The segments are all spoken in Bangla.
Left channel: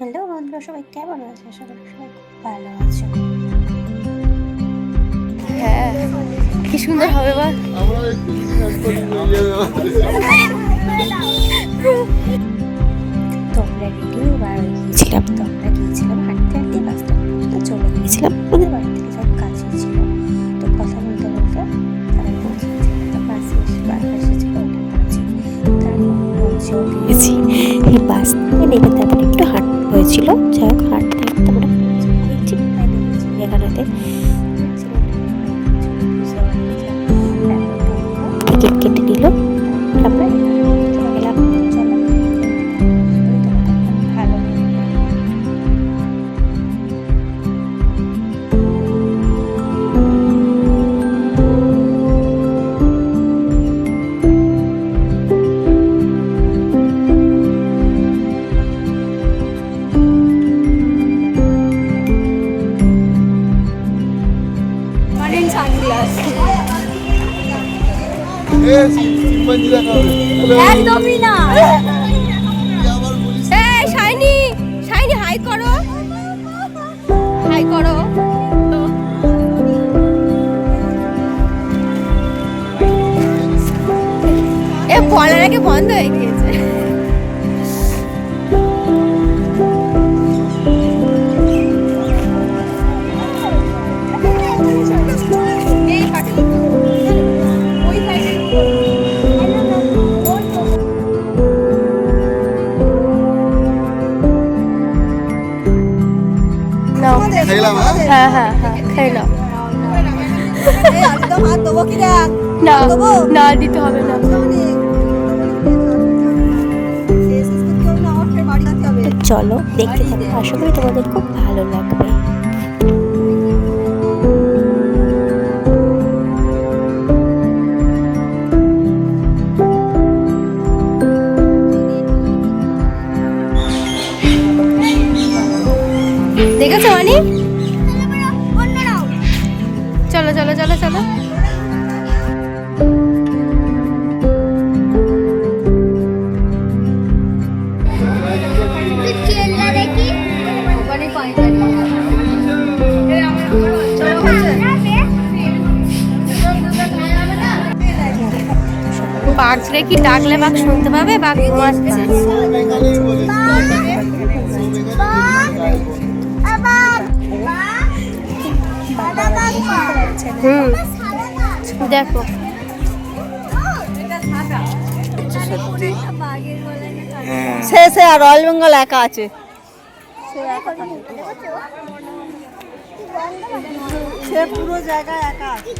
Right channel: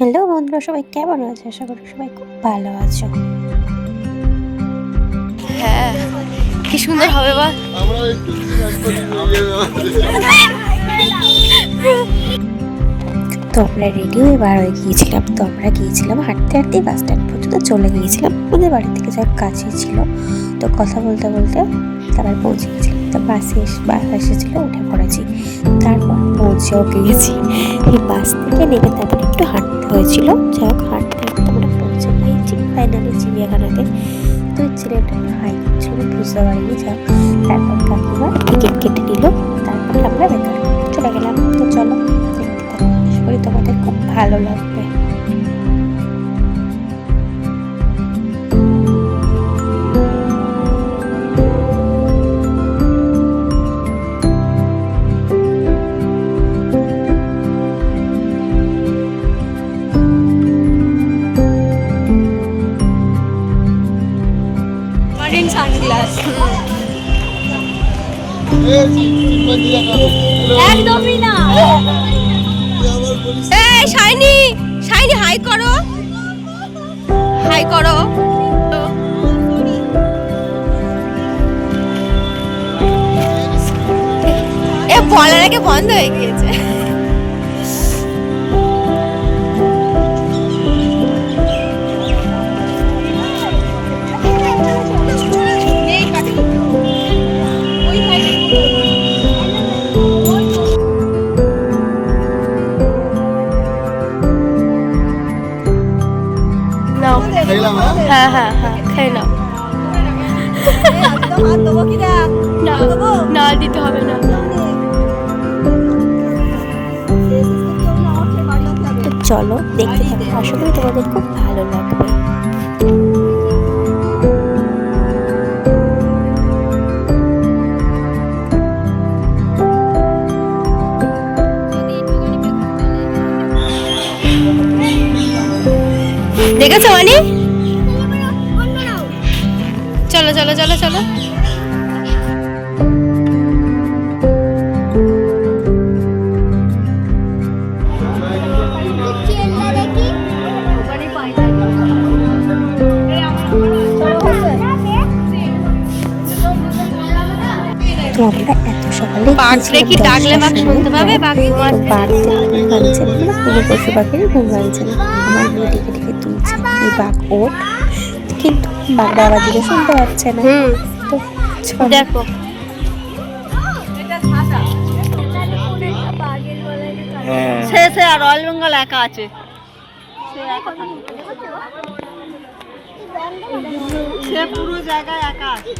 হ্যালো বন্ধুরা, সবাই কেমন আছো? আশা করি সবাই খুব ভালো আছো। হ্যাঁ, কি সুন্দর হবে বল। তো আমরা রেডি হয়ে বার হয়ে গিয়েছিলাম। তো আমরা গিয়েছিলাম হাঁটতে হাঁটতে বাস স্ট্যান্ড পর্যন্ত চলে গিয়েছিলাম। ওদের বাড়ি থেকে যাওয়ার কাছেই ছিল। তো কথা বলতে বলতে তারপর পৌঁছে গেছিলাম। তো বাস এসেছিল, উঠে পড়েছি। তারপর পৌঁছেও গিয়েছি। এই বাস থেকে নেমে তারপরে একটু হাঁটতে হয়েছিল। যাই হোক, হাঁটতে হাঁটতে আমরা পৌঁছে গিয়েছি ফাইনালি চিড়িয়াখানাতে। তো ছেলেটা হাই করছিল, বুঝতে পারিনি। যাই হোক, তারপর কাকিমা টিকিট কেটে নিল। তারপর আমরা ভেতরে চলে গেলাম। তো চলো দেখতে থাকো, আশা করি তোমাদের খুব ভালো লাগবে। সানগ্লাস একদমই না। এই শাইনি, শাইনি হাই করো, হাই করো। এ বলার আগে বন্ধ হয়ে গিয়েছে। হ্যাঁ হ্যাঁ হ্যাঁ, খেয়ে নাও। না না, দিতে হবে না। তো চলো দেখতে থাকো, আশা করি তোমাদের খুব ভালো লাগবে। দেখেছো মানি? চলো চলো চলো চলো। তো আমরা এত সকালে বাঘরে কি ডাকলে বাঘ শুনতে পাবে? বাঘ ঘুমাচ্ছে। পশু পাখির ঘুম ভাঙছে না, ডেকে ডেকে তুলছে। এই বাঘ ওঠ, কিন্তু বাঘটা আবার দিকে শুনতে পাচ্ছে না। তো দেখো, শেষে আর রয়্যাল বেঙ্গল একা আছে। সে পুরো জায়গায় একা আছে।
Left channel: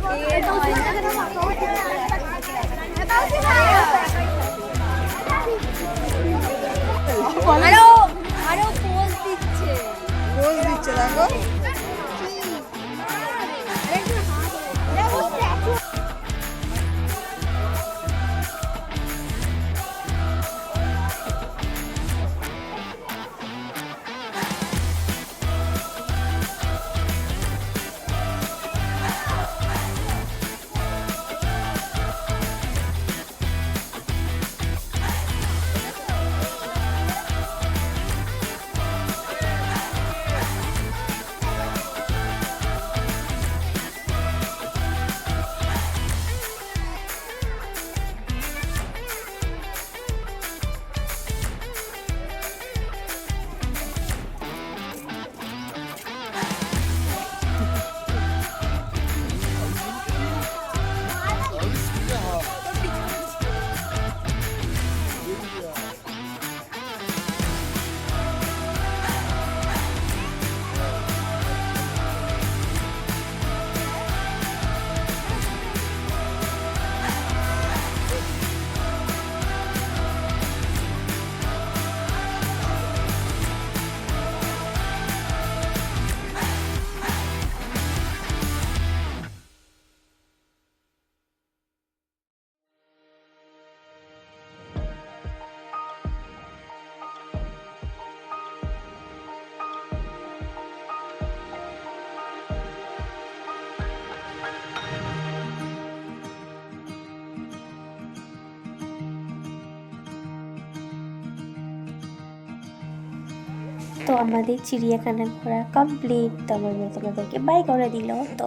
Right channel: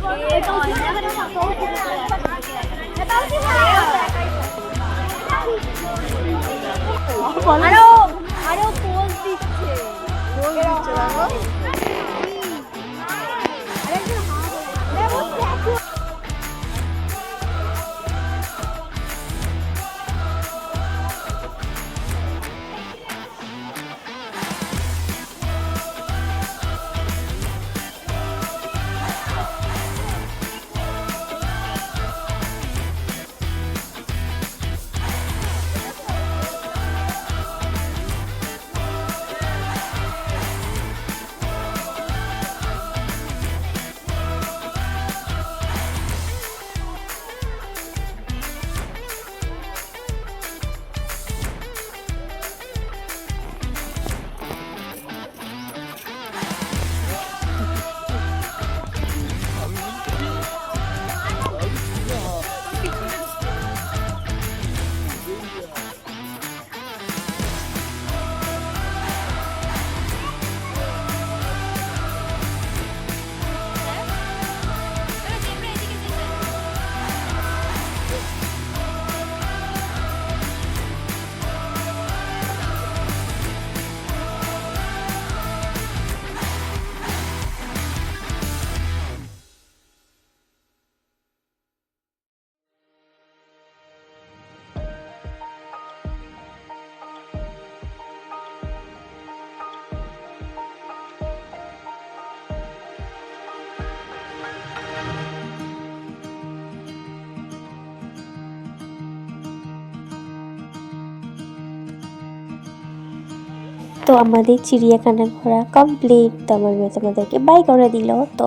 তো আমাদের চিড়িয়াখানা ঘোরা কমপ্লিট। তো আমার মেয়ে তোমাদেরকে বাই করে দিল। তো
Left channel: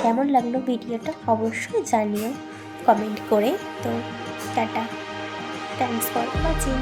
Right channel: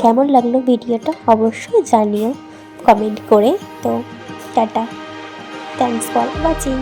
কেমন লাগলো ভিডিওটা অবশ্যই জানিও কমেন্ট করে। তো টাটা, থ্যাংকস ফর ওয়াচিং।